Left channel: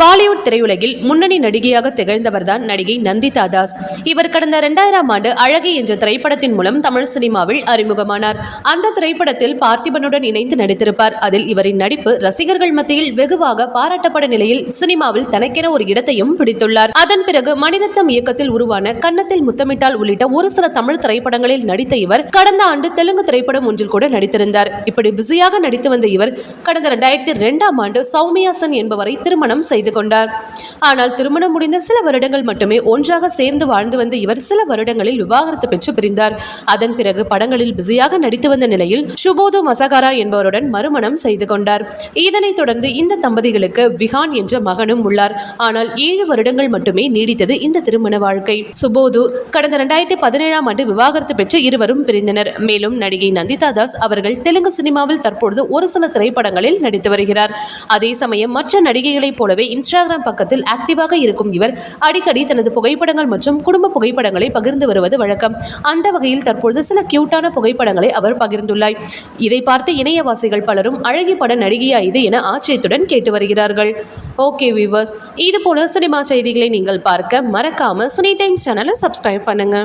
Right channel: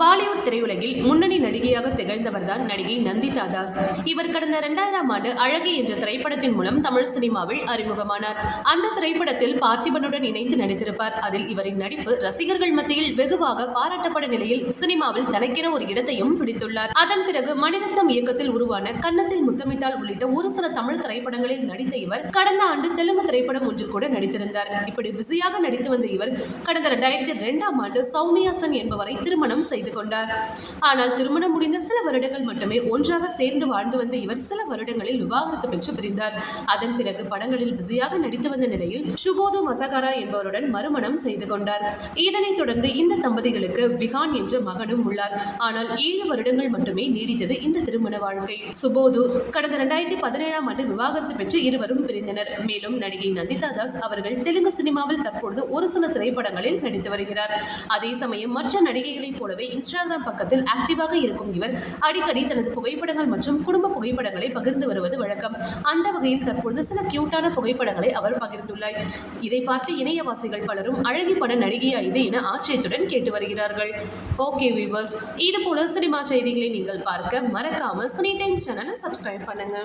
பாலிவுட் திரையுலகில் முன்னணி நடிகையாக திகழ்ந்தவர்தான் நடிகை நந்திதா தாஸ். இவர் கடந்த இரண்டாயிரம் ஆண்டு அழகி என்ற திரைப்படத்தின் மூலம் தமிழ் சினிமாவில் அறிமுகமானார். அந்த திரைப்படத்தில் பார்த்திபனுடன் இணைந்து நடித்திருப்பார். அதில் இவரின் நடிப்பு ரசிகர்கள் மத்தியில் வெகுவாக பாராட்டப்பட நிலையில் சினிமாவில் தனக்கென ஒரு இடத்தையும் பிடித்துள்ளார். அதன் பிறகு மணிரத்னம் இயக்கத்தில் உருவான கன்னத்தில் முத்தமிட்டால் உள்ளிட்ட ஒரு சில தமிழ் திரைப்படங்களில் நடித்த இவர் கடந்த ஆண்டு தெலுங்கு திரைப்படம் ஒன்றில் கூட நடித்திருந்தார். இப்படி பிஸியாக நடித்து வந்த இவர் கடந்த இரண்டாயிரத்தி இரண்டாம் ஆண்டு சௌமியா சென் என்பவரை திருமணம் செய்து செய்து கொண்டார். ஆனால் திருமணம் முடிந்த சில வருடங்கள் மட்டுமே ஒன்றாக சேர்ந்து வாழ்ந்து வந்த இவர் சில வருடங்களில் விவாகரத்து பெற்று பிரிந்தார். அதன் பிறகு படங்களில் பிஸியாக நடித்து வந்த நிலையில் சுபோது மசகாரா என்பவருடன் மறுமணம் செய்து கொண்டார். இதனைத் தொடர்ந்து இந்த தம்பதிகளுக்கு விஹான் என்ற மகனும் உள்ளார். ஆனால் ஏழு வருடங்கள் மட்டுமே நீடித்தது இந்த திருமண வாழ்க்கை. சுபோது கடந்த இரண்டாயிரத்தி பதினேழாம் ஆண்டு விவாகரத்து பெற்று இருவரும் பிரிந்தனர். மேலும் நடிகை நந்திதா தாஸ் அவர்கள் தெலுங்கு சினிமாவில் தற்பொழுது ஒரு சில திரைப்படங்களில் நடித்து வருகிறார். அதே சமயம் மற்ற நடிகைகளைப் போலவே இன்ஸ்டாகிராம் பக்கத்தில் ஆக்டிவாக இருக்கும் இவர் அடிக்கடி தனது புகைப்படங்கள் மற்றும் குடும்ப புகைப்படங்களை பகிர்ந்து வருவது வழக்கம். அந்த வகையில் தற்பொழுது சில கியூட்டான புகைப்படங்களை அவர் பகிர்ந்துள்ளார். இதை பார்த்து இணையவாசிகள் பலரும் அழகி பட நடிகையா இது என ஆச்சரியத்துடன் கேட்டு வருகிறார்கள். ஓகே வியூவர்ஸ் இது போல சினிமா செய்திகளை நீங்கள் பார்க்க மறக்காம சினி டைம்ஸ் சேனலை சப்ஸ்கிரைப் பண்ணுங்க.